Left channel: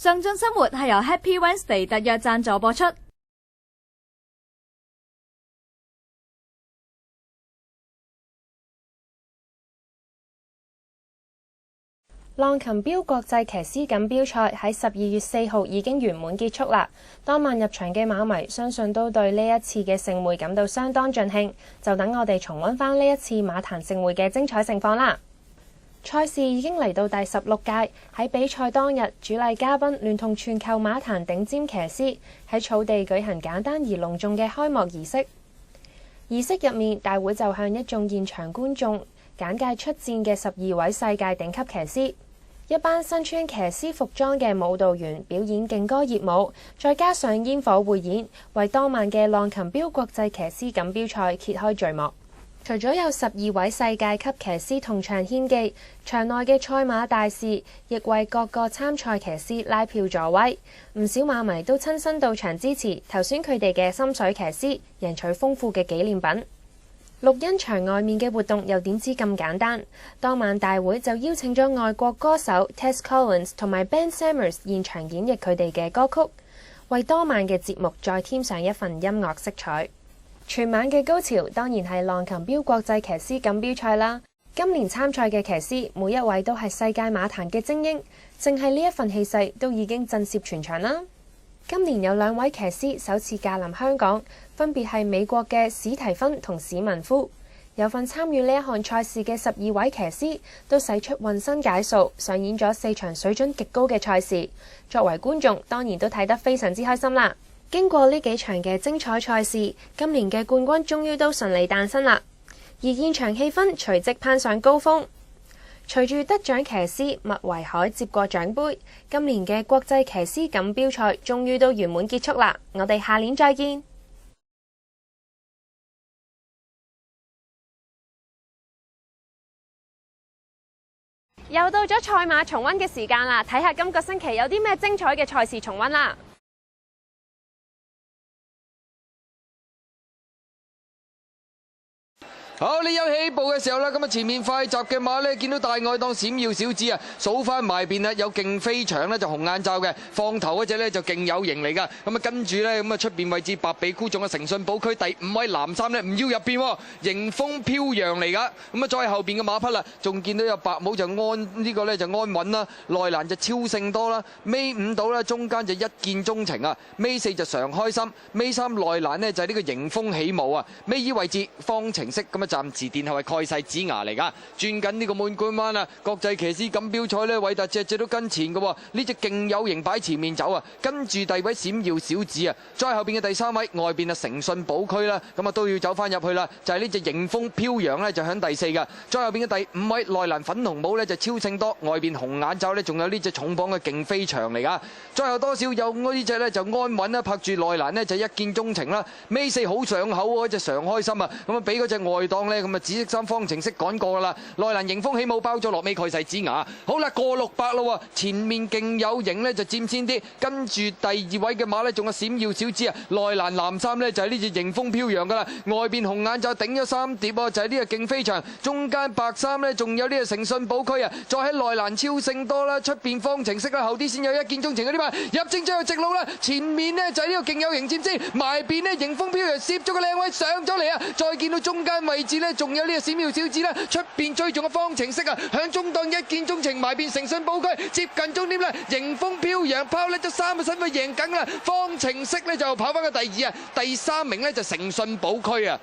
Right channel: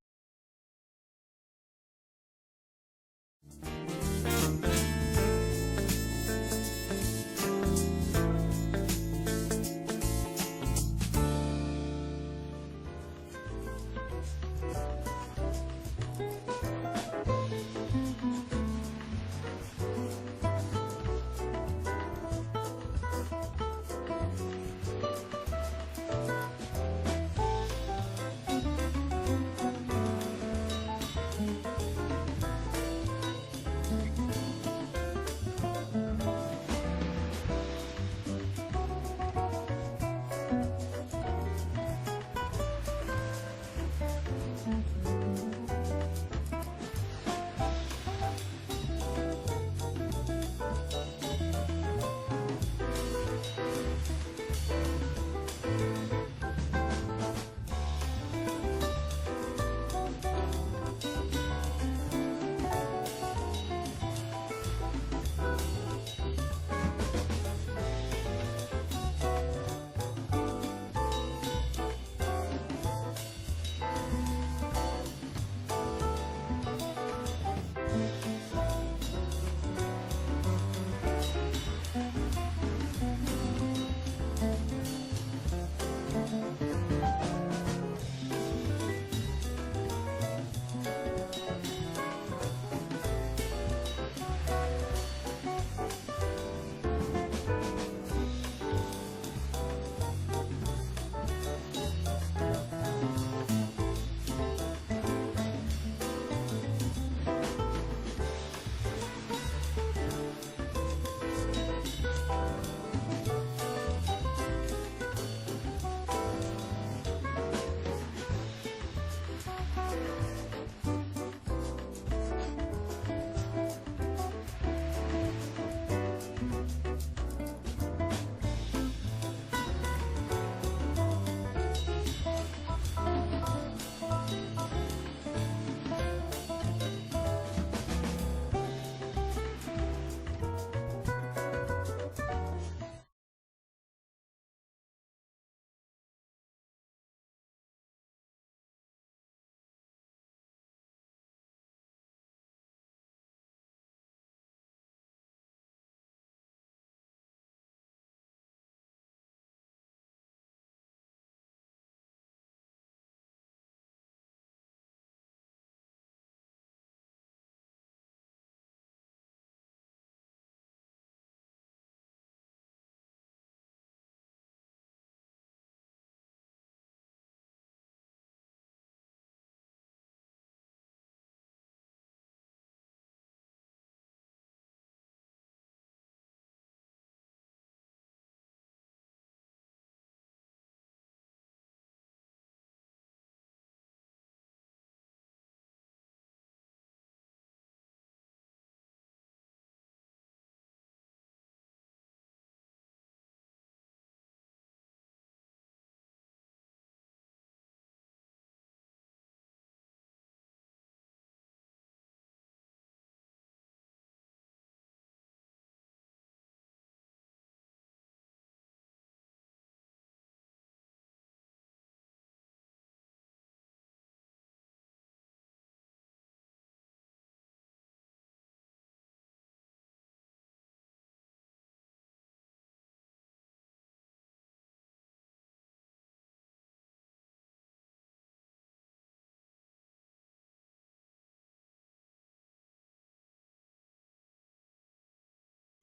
上進生活係由 Happy Wednesday 特約贊助播出。浪琴標國際騎師錦標賽喺12月4號已經圓滿結束啦。當晚入場嘅馬迷相信都對呢一次嘅盛會感到相當盡興，就等我哋重溫翻呢一次馬壇盛會嘅精彩盛況啦。賽事已經嚟到第16屆，喺比賽當日，主禮嘉賓聯同全球馬壇頂尖騎師喺草地舉行簡單而隆重嘅開幕儀式。儀式入面，大會就向一眾現場觀眾簡介出戰嘅12位世界頂級騎師。一班身穿騎師服裝嘅舞蹈員表演勁歌熱舞，再加上煙火匯演，為當晚嘅浪琴標國際騎師錦標賽揭開序幕。除咗有12位世界級騎師同場獻技，場內嘅賽馬大使亦為各個參賽騎師拉票助威。唔少馬迷都親身到場支持，投選佢哋嘅心水騎師，贏取豐富嘅紀念品。錄音場外面嘅活動又點知咁簡單？當晚大會就邀請咗外國歌手 Tess Collins 同埋 Ben Sammers 現場演繹佢哋嘅歌曲，為當晚嘅節目再添上一份音樂色彩。全晚嘅高潮當然係浪琴標國際騎師錦標賽啦。今年參賽嘅騎師每一位都係世界馬壇嘅精英，淨係呢一份氣勢都已經震懾全場啦。今年有2位騎師首次駕臨香港，分別係美國嘅史提芬同史文夫。有份參與呢一項賽事嘅12位騎師都使出渾身解數，上演咗4場水準極高嘅賽事。作為觀眾，當然都睇得非常之開心啦。經過呢幾場嘅精彩賽事，今年嘅冠軍終於都順利誕生啦。而現場氣氛隨即攀上高峰，隨住得獎騎師麥維海接過獎杯，今年嘅國際騎師錦標賽終於都圓滿結束啦。我哋下年再見。又到咗賽馬重溫嘅時間啦，睇下今個星期有啲咩精彩嘅賽事重溫啦。好，你有起步嘅時候啦，咁啊前面快閘嘅馬咧，見到大愛檔閃耀小子啊，數翻埋邊啦，有勁飛翔咧就紅眼罩嘅，放頭嗰隻咧就勁有型嚟噶，咁啊跟住咧咁啊出邊位置白比箍仲有誠信寶區第5位藍衫咧唔要入邊，迎風飄揚嚟噶，咁啊再後邊嘅馬匹啦，仲見到有白帽就呢個咧就安穩啦，內欄就超勝多啦，尾5到啦，中間就一見鍾情啊，尾4就常開心，尾3內欄呢就係呢個迎風起舞啊，尾2位置方程式咁啊。暫時殿後係蓋世子牙嚟噶，轉緊呢個滿貫彎啊！國際騎師錦標賽呢，韋達隻都跟前嘅喎，呢隻勁有型擺前面走啊！跟住第二位閃耀小子啊，再後邊嘅第3位外邊啊誠信寶區啦，咁啊都要走翻入去啦，就係呢隻迎風飄揚呢，就響第4噶，再後邊嘅第5位內欄粉紅帽呢，就超勝多，外邊紅眼罩呢，仲有呢隻重磅嘅勁飛翔嚟噶，再後多少有呢隻呢，就安穩啦，拍住內欄呢，就一見鍾情啦，尾4好上口嗰隻常開心啊，咁啊俾嗰隻外檔呢，咁啊紫色衫方程式趕過噶啦，內欄迎風起舞包咗落尾蓋世子牙，好啦過600咯，前面勁有型呢，就佔先啲，跟住第2位嘅馬呢，仲有閃耀小子啊，內欄藍衫呢，就係呢隻迎風飄揚噶啦，外邊紅眼罩頂咗3碟喎，就係呢個勁飛翔，中間白衫呢，仲有呢個誠信寶區啊，再喺內欄超勝多啦，出邊方程式啦，後啲先有一見鍾情嗰啲馬入正最後直路啦，前面呢，就係呢個勁有型佔先，埋邊呢，迎風飄揚攝咗個靚位上咗嚟啊，再見到中間位置呢，仲有呢個閃耀小子啦，出邊追仲嘅方程式啊，響中檔一見鍾情埋邊誠信寶區接近終點啦，迎風飄揚拋甩咗3個身位贏緊啦，方程式呢，就跑翻個第2啊，第3名呢，就誠信寶區啊。